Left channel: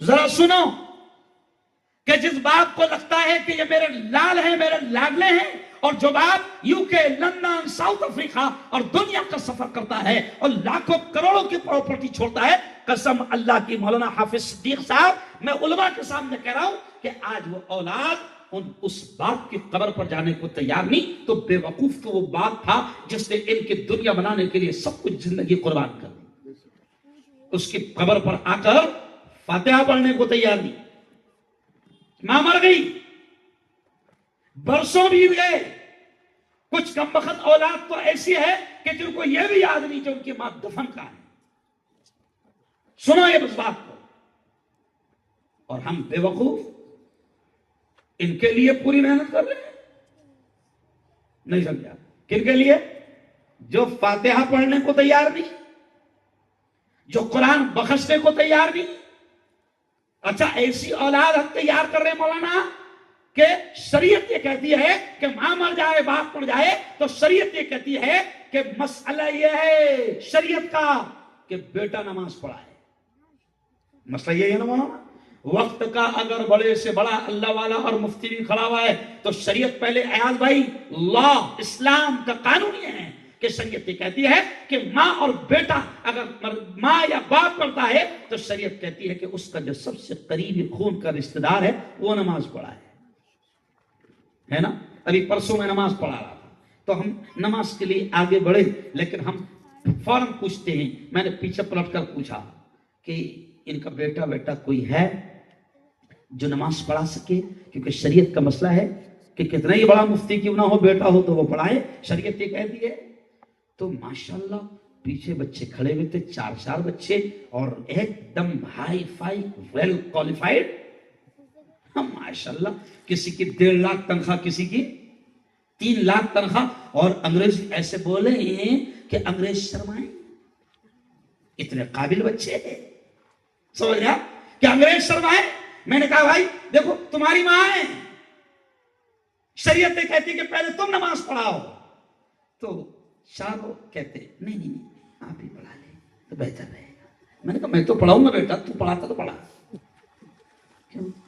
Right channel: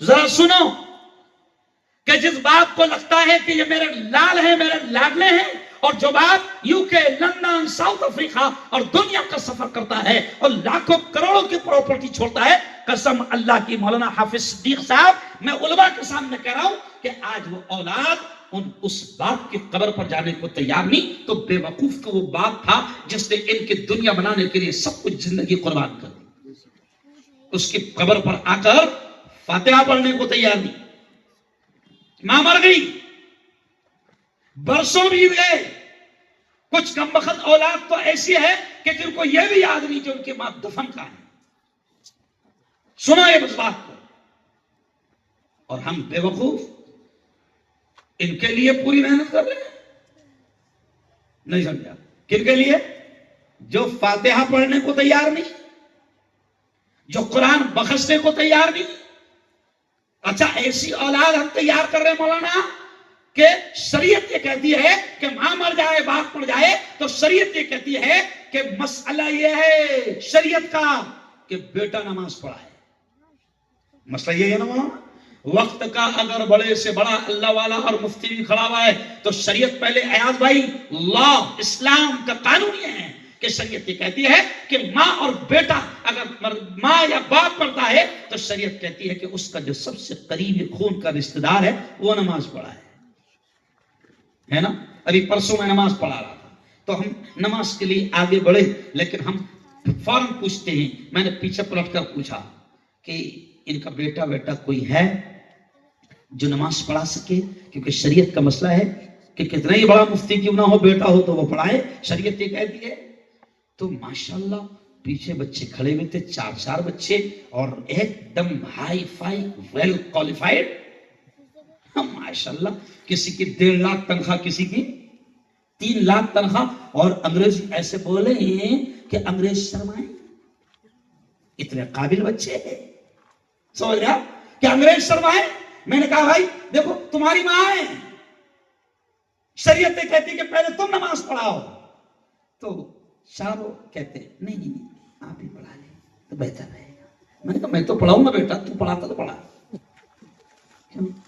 ذرا سنو کہ جس باپ کو لگتا ہے کہ یہ میرے لال ہیں، میرے لاڈلے ہیں، اور جو باپ یو کے، لندن، ساؤتھ افریقہ اور دنیا کا سفر کرتا ہے اور لاکھوں کروڑوں کی پراپرٹی چھوڑتا ہے، قسم اللہ کی مولانا حافظ صدیق صاحب، میں علماء کے سامنے کہہ رہا ہوں کہ آج وہ اولاد اس باپ کی قبر پر جانے کو تیار نہیں، تو بے وقوف کا وہ باپ تھا جس نے ان کی دنیا بنانے کے لیے سب کچھ زندگی قربان کر دی، اس کی قبر پر آ کر فاتحہ پڑھنے کو تیار نہیں۔ ماں مر گئی، برسوں بیت گئے، کچھ کم بخت اولاد تو ایسی ہے کہ جن کو یہ بھی یاد نہیں کہ ان کی ماں دفن کہاں ہے۔ سنو یہ اس بات کو، اور ہم بے وقوف ان کے لیے پوری محنت کر رہے ہیں۔ نہیں سمجھا؟ کن کے لیے؟ جو فاتحہ پڑھنے کو تیار نہیں، جو قرآن بخشنے کو تیار نہیں۔ اچھا، ایسی اولاد ہم تیار کر رہے ہیں مولانا کہ شریعت یہ کہتی ہے کہ ماں مر جائے، باپ مر جائے، تو شریعت یہ کہتی ہے کہ مسئلہ یہ ہے شریعت کا کہ بیٹا نماز پڑھائے۔ مسئلہ یہ ہے نا، وقت کا اگر بڑے سے بڑا اللہ والا اور مفتی بھی کھڑا ہوا ہے تو شریعت پہلے، ایاز بھائی، لا اسلام کا قانون یہ ہے کہ شریعت یہ کہتی ہے کہ ماں اور بیٹا، اگر ماں یا باپ پڑھتا ہے تو شریعت کہتی ہے کہ اس کا جو سب سے قریبی خون کا رشتہ دار ہے وہ نماز پڑھائے، ہے نا؟ ابھی پرسوں میں نماز پڑھا رہا تھا تو ہم نماز کے لیے آگے بڑھے، لیکن ہم فوراً پوچھتے ہیں، میں نے پیچھے پلٹ کر پوچھا کہ ان کا بیٹا کوئی ہے جو نماز پڑھا سکے؟ کیونکہ شریعت کا مسئلہ ہے کہ کتنا ہی بڑا مفتی کیوں نہ ہو، بیٹا ہو تو وہ پڑھائے، شریعت یہ کہتی ہے۔ تو ماشاءاللہ پیچھے بچے کھڑے ہوئے تھے، 4 بچے، اور ایک دم ہائی فائی ویل کوالیفائڈ، ماشاءاللہ، کسی کی 1.5 لاکھ تنخواہ، کسی کی 3 لاکھ تنخواہ، اور انگریز ایسے بولے ہیں کہ انگریز شرمائے، اتنے قابل بچے ہیں، سمجھ رہا کہ انگریز شرمائے۔ میں نے کہا بھائی دیکھو تمہاری ماں ہے، شریعت کہتی کہ پہلے تم نماز پڑھاؤ، تو صاحب کہتے نہیں آپ ہی پڑھا لیں تو بہتر رہے گا۔ میں نے کہا میں تو پڑھاؤں گا بیٹا، تو پڑھاتا تو پڑھا۔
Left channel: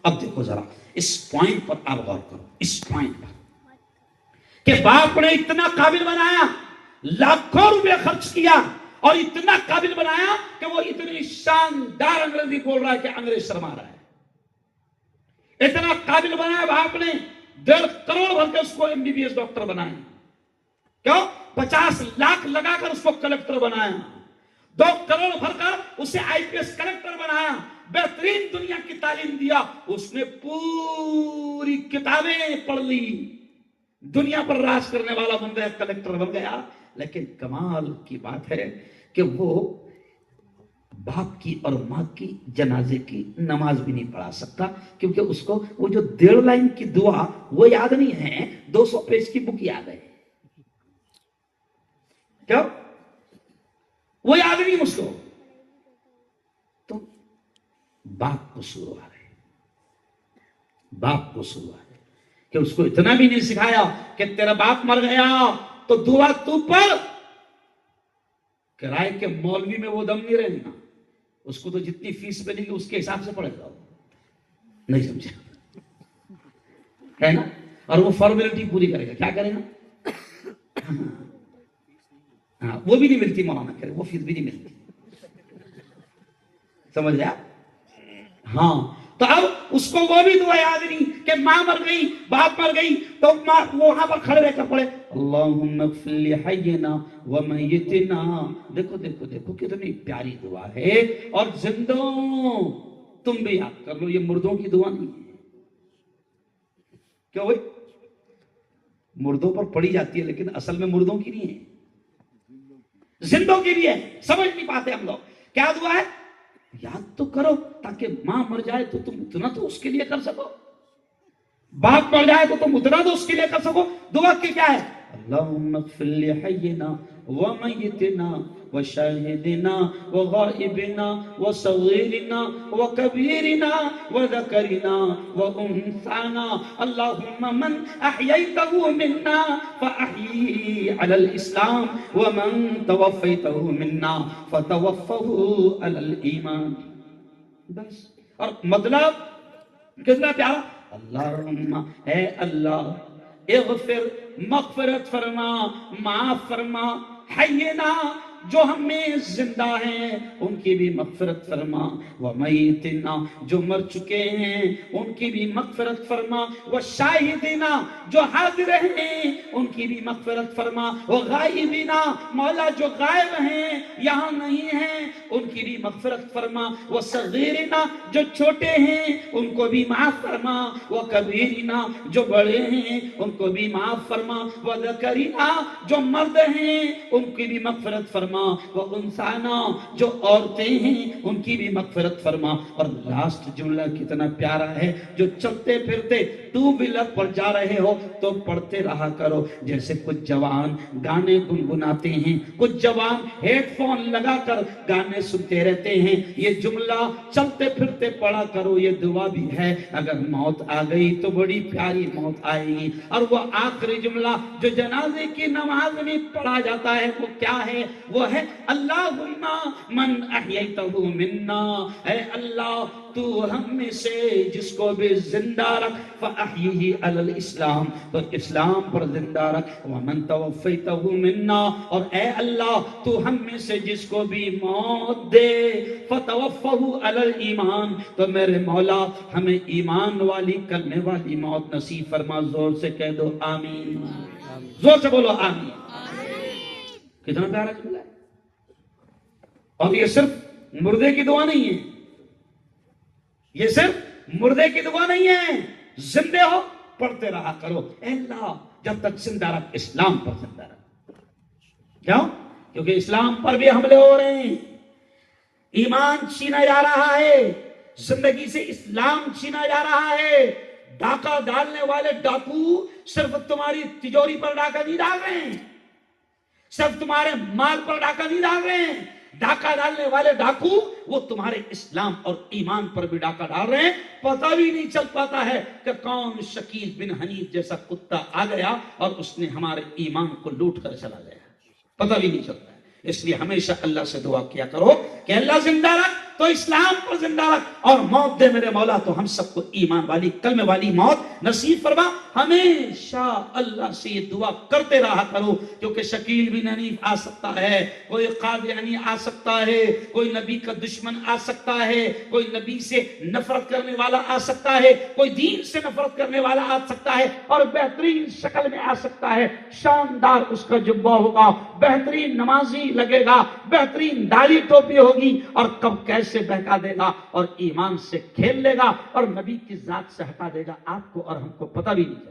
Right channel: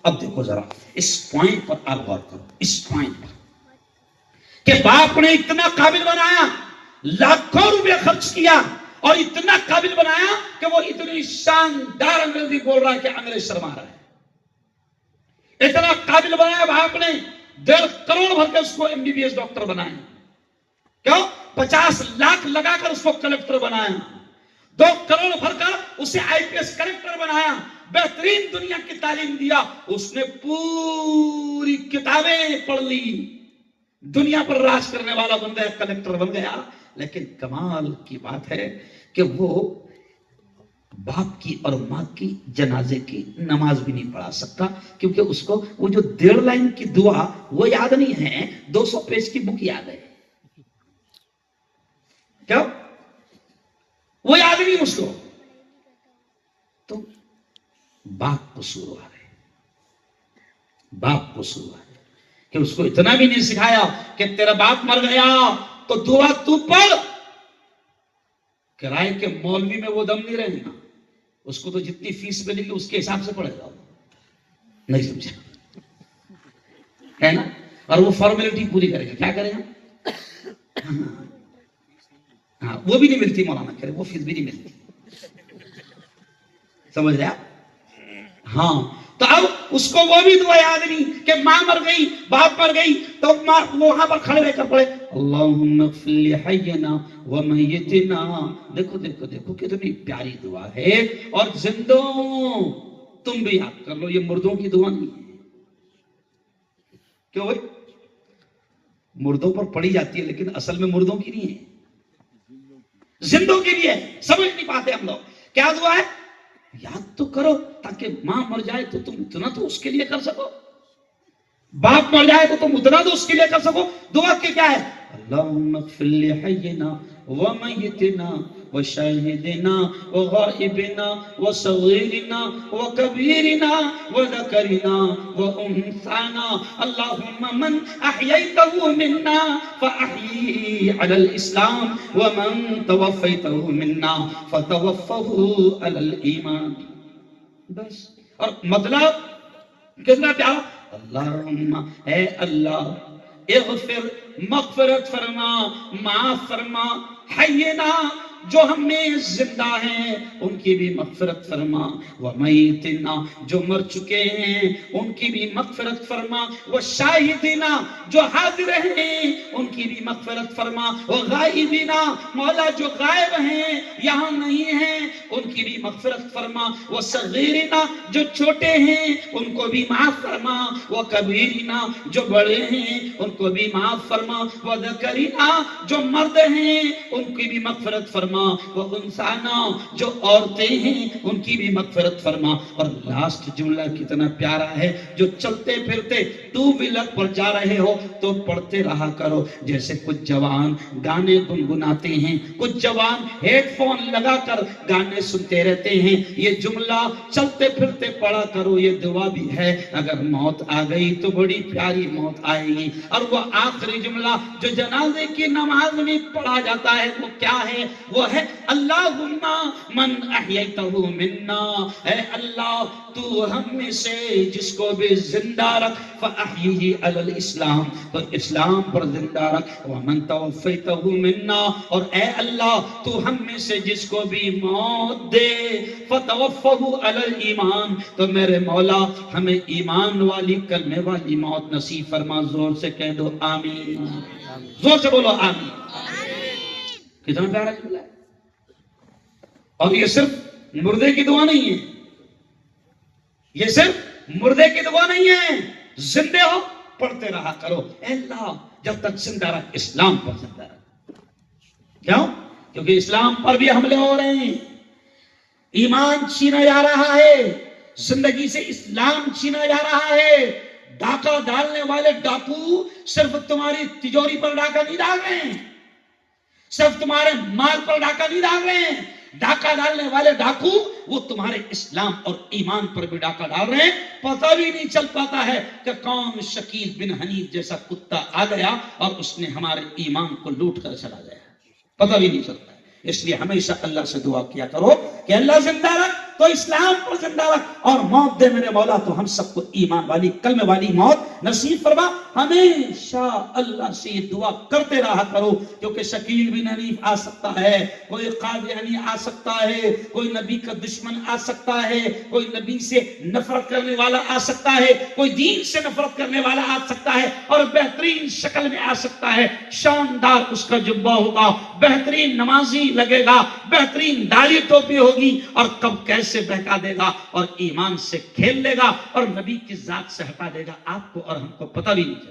اب دیکھو ذرا اس پوائنٹ پر آپ غور کرو، اس پوائنٹ پر کہ باپ نے اتنا قابل بنایا، لاکھوں روپے خرچ کیا اور اتنا قابل بنایا کہ وہ اتنی شاندار انگریزی بول رہا ہے کہ انگریز شرما رہا ہے۔ اتنا قابل بنایا باپ نے، 1.5 کروڑ بھر کے اس کو MBBS ڈاکٹر بنایا، کیوں؟ 50 لاکھ لگا کر اس کو کلکٹر بنایا، 2 کروڑ بھر کر اسے IPS کلکٹر بنایا، بہترین دنیا کی تعلیم دیا، اس نے پوری کتابیں پڑھ لی، دنیا پر راج کرنے والا بن گیا، کلکٹر بن گیا۔ لیکن کمال کی بات ہے کہ وہ باپ کی اور ماں کی جنازے کی نماز بھی نہیں پڑھا سکتا، کیونکہ اس کو وہ جو 1.5 لائن کی دعا وہ یاد نہیں ہے، 200 پیج کی بک یاد ہے۔ کیا وہ یاد نہیں اس کو؟ تو باپ قصوروار ہے، باپ قصوروار ہے کہ اس کو اتنا بھی نہیں سکھایا کہ تیرا باپ مر گیا تو دعا تو پڑھ، کرائے کے مولوی میں وہ دم نہیں رہے گا، اس کو تو جتنی فیس ملے گی اس کے حساب سے پڑھے گا، نہیں سمجھا ہے نا؟ اور وہ فارمیلٹی پوری کرے گا، کیا کرے گا؟ ہاں وہ بھی نہیں ملتی مولانا کرے، وہ فیس بھی نہیں ملتی، سمجھ رہے آپ؟ ہاں تو اب اس کو وہ بھی دعا یاد نہیں کہ ماں مر گئی، باپ مر گئی، تو ماں وہاں پر کھڑے رہ کر پڑھے اللہم اغفر لحینا ومیتنا۔ دیکھو دیکھو دیکھو کتنی پیاری دعا ہے، اور زندوں تم بھی یاد کر لو، یہ مردوں کی دعا نہیں ہے۔ کیوں بھائی؟ مردوں پر پڑھی جاتی ہے لیکن اصل میں مردوں کی نہیں ہے، زندوں کے لیے۔ سمجھ نہیں پاتے ہم لوگ کیا دعا ہے، یاد تو کرو تاکہ ماں مر جائے تو تم اتنا تو اس کے لیے کر سکو، باپ مر جائے تو تم اتنا تو اس کے لیے کر سکو۔ دعا کی کیا ہے؟ اللہم اغفر لحینا ومیتنا وشاہدنا وغائبنا وصغیرنا وکبیرنا وذکرنا وانثانا اللہم من احییتہ منا فاحیی علی الاسلام ومن توفیتہ منا فتوفہ علی الایمان۔ بس اور مطلب کتنا پیارا، اللہم اے اللہ اغفر مغفرت فرما، معاف فرما، حینا جو ہم میں زندہ ہیں ان کی بھی مغفرت فرما، ومیتنا جو مر چکے ہیں ان کی بھی مغفرت فرما، وشاہدنا جو حاضر ہیں ان کی بھی مغفرت فرما، وغائبنا مولا جو غائب ہیں یہاں نہیں ہیں ان کی بھی مغفرت فرما، وصغیرنا جو چھوٹے ہیں ان کو بھی معاف فرما، وکبیرنا جو بڑے ہیں ان کو بھی معاف فرما، وذکرنا جو مرد ہیں ان کی بھی مغفرت فرما، وانسانا جو عورتیں ہیں ان کی بھی مغفرت فرما۔ اور لاسٹ جملہ کتنا پیارا ہے، جو چلتے پھرتے ٹو ویلر پر جا رہے ہو تو پڑھتے رہا کرو، جیسے کچھ جوان گانے گنگناتے ہیں، کچھ جوان ہیڈ فون لگا کر گانے سنتے رہتے ہیں، یہ جملہ چلتے پھرتے پڑھا کرو، یہ دعا بھی ہے اگر موت آ گئی تو بڑی پیاری موت آئے گی۔ اور وہ آخری جملہ جو جنازے کی نماز میں پڑھا جاتا ہے وہ کیا ہے؟ وہ ہے اللہم من احییتہ منا، اے اللہ تو ہم میں سے جس کو بھی زندہ رکھ فاحیہ علی الاسلام، تو اسلام پر زندہ رکھ، ومن توفیتہ منا، اور اے اللہ تو ہم میں سے جس کو بھی موت دے فتوفہ علی الایمان، تو میرے مولا ہمیں ایمان والی کلمے والی موت نصیب فرما۔ زور سے کہہ دو آمین، زور سے بولو آمین۔ کتنا پیارا جملہ ہے، اور یہ صرف مردے کی دعا نہیں ہے، یہ صرف مردے کی دعا نہیں ہے، زندے ہو پڑھتے رہا کرو، اے اللہ جب تک زندہ رکھ اسلام پر زندہ رکھ۔ کیوں؟ کیونکہ اسلام پر بھی حملے ہو رہے ہیں، ایمان چھینا جا رہا ہے، زندگی سے اسلام چھینا جا رہا ہے۔ ڈاکہ ڈالنے والے ڈاکو صرف تمہاری تجوری پر ڈاکہ نہیں ڈال رہے ہیں، صرف تمہارے مال پر ڈاکہ نہیں ڈال رہے ہیں، ڈاکہ ڈالنے والے ڈاکو وہ تمہارے اسلام اور ایمان پر بھی ڈاکہ ڈال رہے ہیں۔ پتہ بھی نہیں چل پاتا ہے کہ کون شکیل بن حنیف جیسا کتا آ گیا اور اس نے ہمارے ایمان کو لوٹ کر چلا گیا، پتہ بھی نہیں چلتا ہے۔ اس لیے ہمیشہ اللہ سے دعا کیا کرو کہ اللہ زندہ رکھ تو اسلام پر زندہ رکھ، اور موت دے میرے مولا تو ہم سب کو ایمان والی کلمے والی موت نصیب فرما۔ ہمیشہ اللہ سے یہ دعا کرتے رہا کرو، کیونکہ شکیل بن حنیف آ سکتا ہے، کوئی قادیانی آ سکتا ہے، کوئی نبی کا دشمن آ سکتا ہے، کوئی نبی سے نفرت کرنے والا آ سکتا ہے، کوئی دین سے نفرت کرنے والا آ سکتا ہے، اور بہترین شکل میں آ سکتا ہے، شاندار اس کا جبہ ہوگا، بہترین نمازی لگے گا، بہترین داڑھی ٹوپی ہوگی، اور کب کیسے بہکا دے گا اور ایمان سے کھیل لے گا اور نبی کی ذات سے ہٹا دے گا، آپ کو اور ہم کو پتہ بھی نہیں۔